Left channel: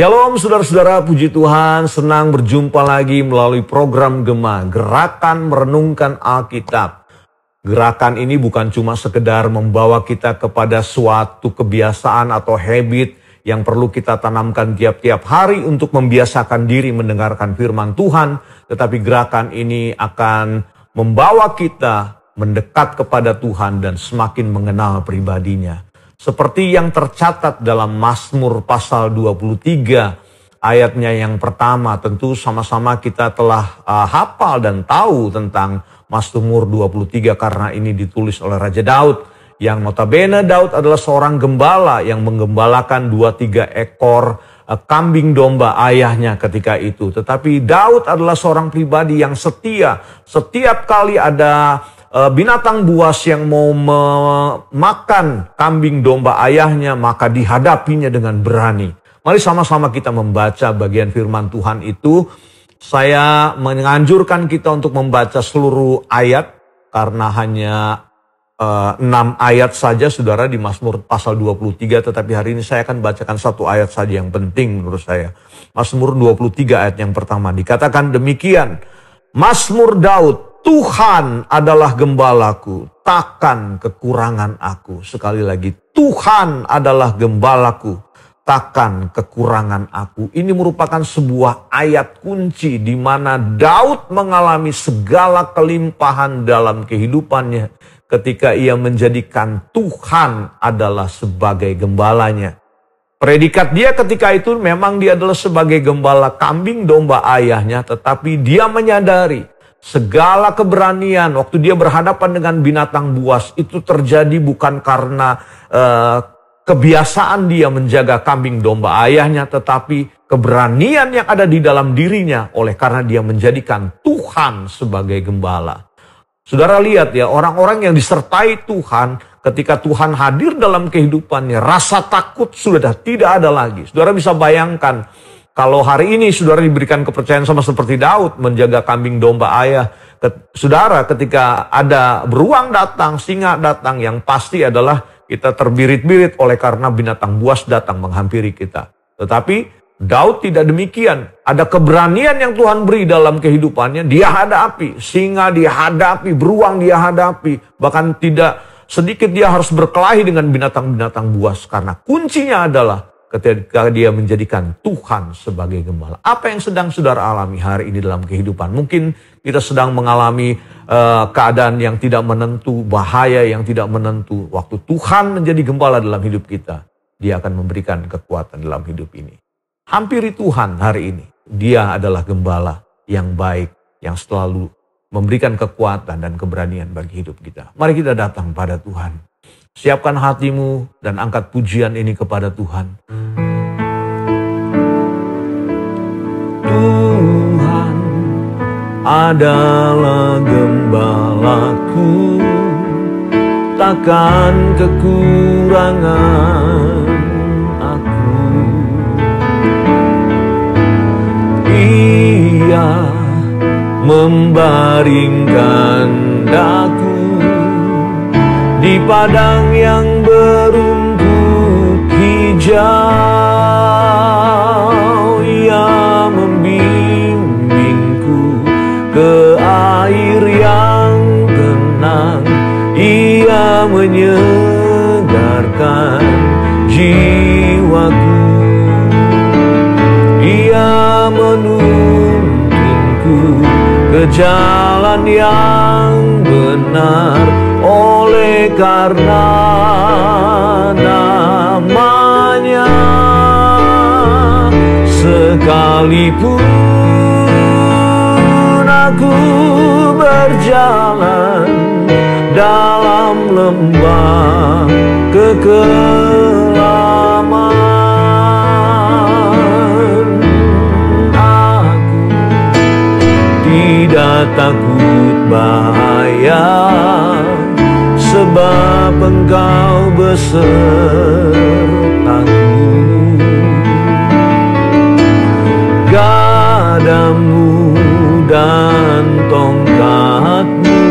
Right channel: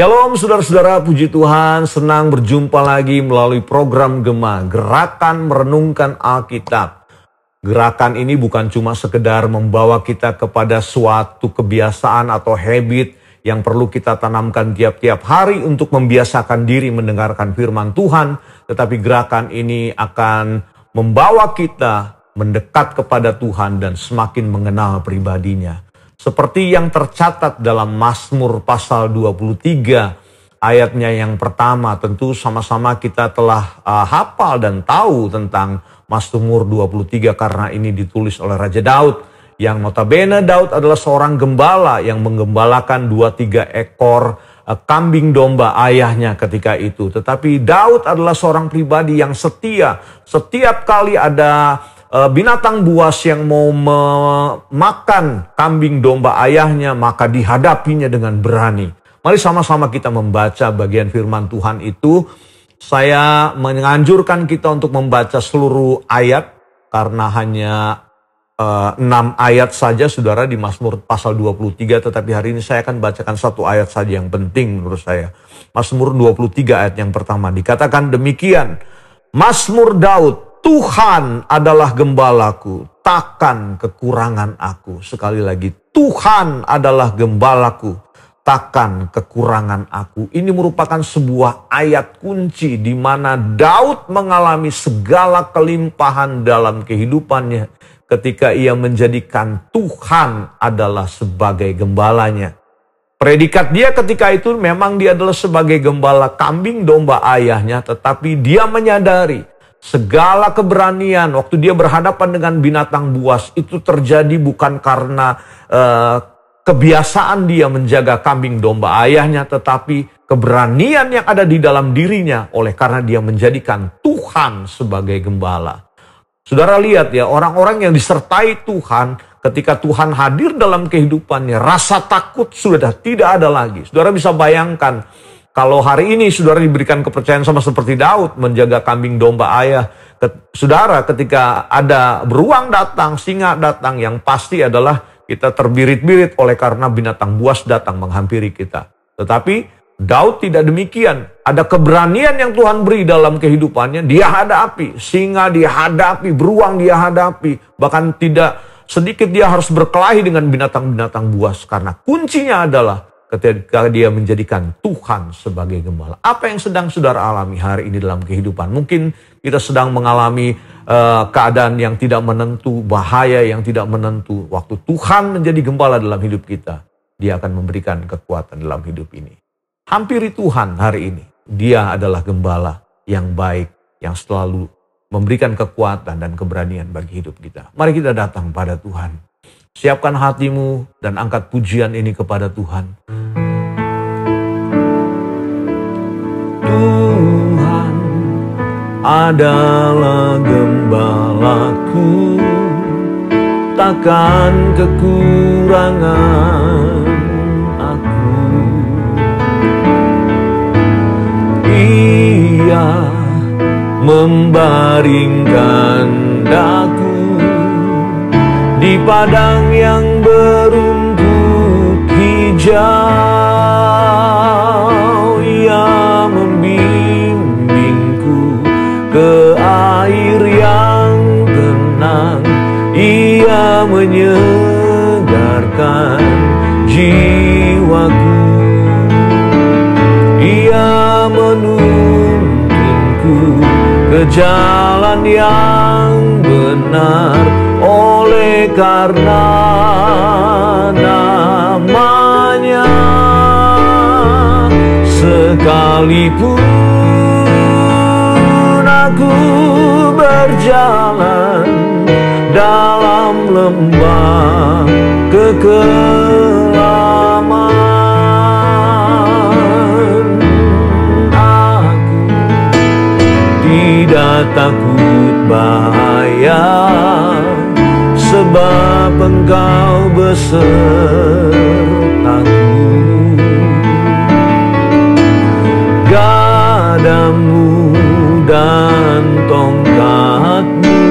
Shalom saudara-saudara, puji Tuhan, senang berjumpa lagi melalui program Gema, Gerakan Merenungkan Alkitab. Gerakan ini bukan cuma sekedar membawa kita kepada suatu kebiasaan atau habit yang perlu kita tanamkan tiap-tiap hari untuk membiasakan diri mendengarkan firman Tuhan, tetapi gerakan ini akan membawa kita mendekat kepada Tuhan dan semakin mengenal pribadinya. Seperti yang tercatat dalam Mazmur pasal 23 ayatnya yang pertama, tentu sama-sama kita telah hafal dan tahu tentang Mazmur 23 karena ini ditulis oleh Raja Daud. Yang notabene Daud adalah seorang gembala yang menggembalakan 2-3 ekor kambing domba ayahnya ketika itu. Tetapi Daud adalah seorang pribadi yang setia. Setiap kali ada binatang buas yang mau memakan kambing domba ayahnya, maka dihadapinya dengan berani. Mari sama-sama kita membaca bagian firman Tuhan itu. Saya menganjurkan kita untuk membaca seluruh ayat, karena hanya 6 ayat saja saudara di Mazmur pasal 23, tetapi hari ini saya akan bacakan satu ayat saja yang penting menurut saya. Mazmur 23 ayat yang pertama dikatakan demikian, Mazmur Daud, Tuhan adalah gembalaku, takkan kekurangan aku. Sekali lagi, Tuhan adalah gembalaku, takkan kekurangan aku. Ini merupakan sebuah ayat kunci di mana Daud mengalami segala kelimpahan dalam kehidupannya ketika ia menjadikan Tuhan adalah sebagai gembalanya. Predikat dia ketika itu memang dia adalah sebagai gembala kambing domba ayahnya, tetapi dia menyadari segala keberanian waktu dia berhadapan dengan binatang buas itu terjadi bukan karena kebiasaan dia menjaga kambing domba ayahnya, tetapi keberanian yang ada di dalam dirinya oleh karena dia menjadikan Tuhan sebagai gembala. Saudara lihat ya, orang-orang yang disertai Tuhan, ketika Tuhan hadir dalam kehidupannya, rasa takut sudah tidak ada lagi. Saudara bisa bayangkan, kalau hari ini saudara diberikan kepercayaan sama seperti Daud menjaga kambing domba ayah, saudara ketika ada beruang datang, singa datang, yang pasti adalah kita terbirit-birit oleh karena binatang buas datang menghampiri kita. Tetapi Daud tidak demikian. Ada keberanian yang Tuhan beri dalam kehidupannya, dia hadapi. Singa dia hadapi, beruang dia hadapi. Bahkan tidak sedikit dia harus berkelahi dengan binatang-binatang buas. Karena kuncinya adalah ketika dia menjadikan Tuhan sebagai gembala. Apa yang sedang saudara alami hari ini dalam kehidupan? Mungkin kita sedang mengalami keadaan yang tidak menentu, bahaya yang tidak menentu. Waktu Tuhan menjadi gembala dalam hidup kita, dia akan memberikan kekuatan dalam hidup ini. Hampiri Tuhan hari ini. Dia adalah gembala yang baik, yang selalu memberikan kekuatan dan keberanian bagi hidup kita. Mari kita datang pada Tuhan. Siapkan hatimu dan angkat pujian ini kepada Tuhan. Tuhan adalah gembalaku, takkan kekurangan aku. Ia membaringkan daku di padang yang berumput hijau. Ia membimbingku ke air yang tenang. Ia menyegarkan jiwaku. Ia menuntunku ke jalan yang benar oleh karena namanya. Sekalipun aku berjalan dalam lembah kekelaman, aku tidak takut bahaya, sebab Engkau besertaku. Gadamu dan tongkatmu,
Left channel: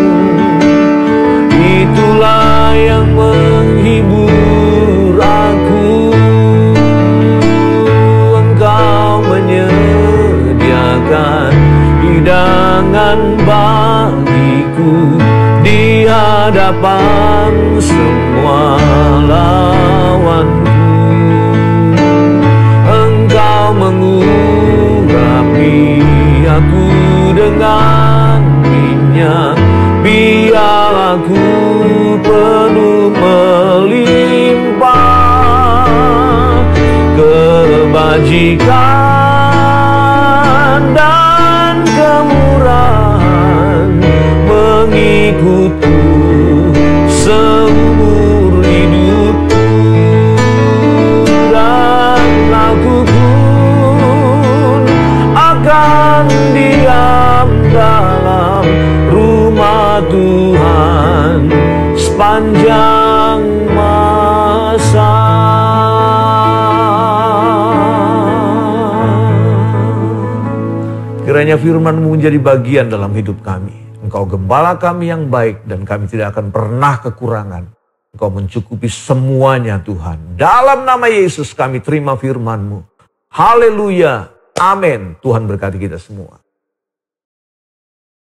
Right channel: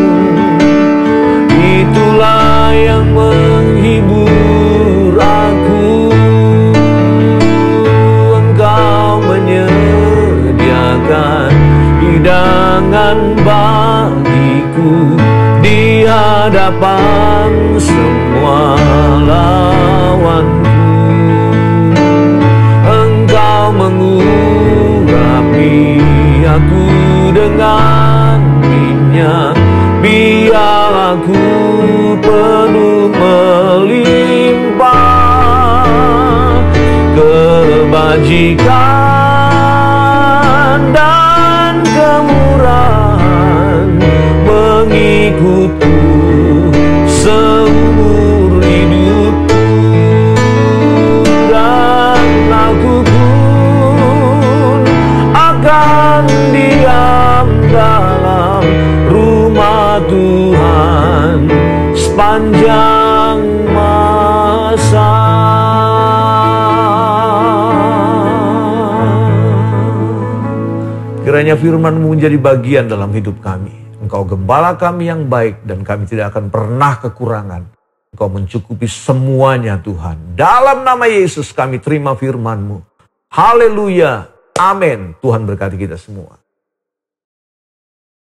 itulah yang menghibur aku. Engkau cadangan bagiku di hadapan semua lawanku. Engkau mengurapi aku dengan minyak, biar aku penuh melimpah. Kebajikan dan kemurahan mengikutku seumur hidupku, dan aku pun akan diam dalam rumah Tuhan sepanjang masa. Kiranya firman-Mu menjadi bagian dalam hidup kami. Engkau gembala kami yang baik, dan kami tidak akan pernah kekurangan. Engkau mencukupi semuanya, Tuhan. Dalam nama Yesus kami terima firman-Mu. Haleluya. Amin. Tuhan berkati kita semua.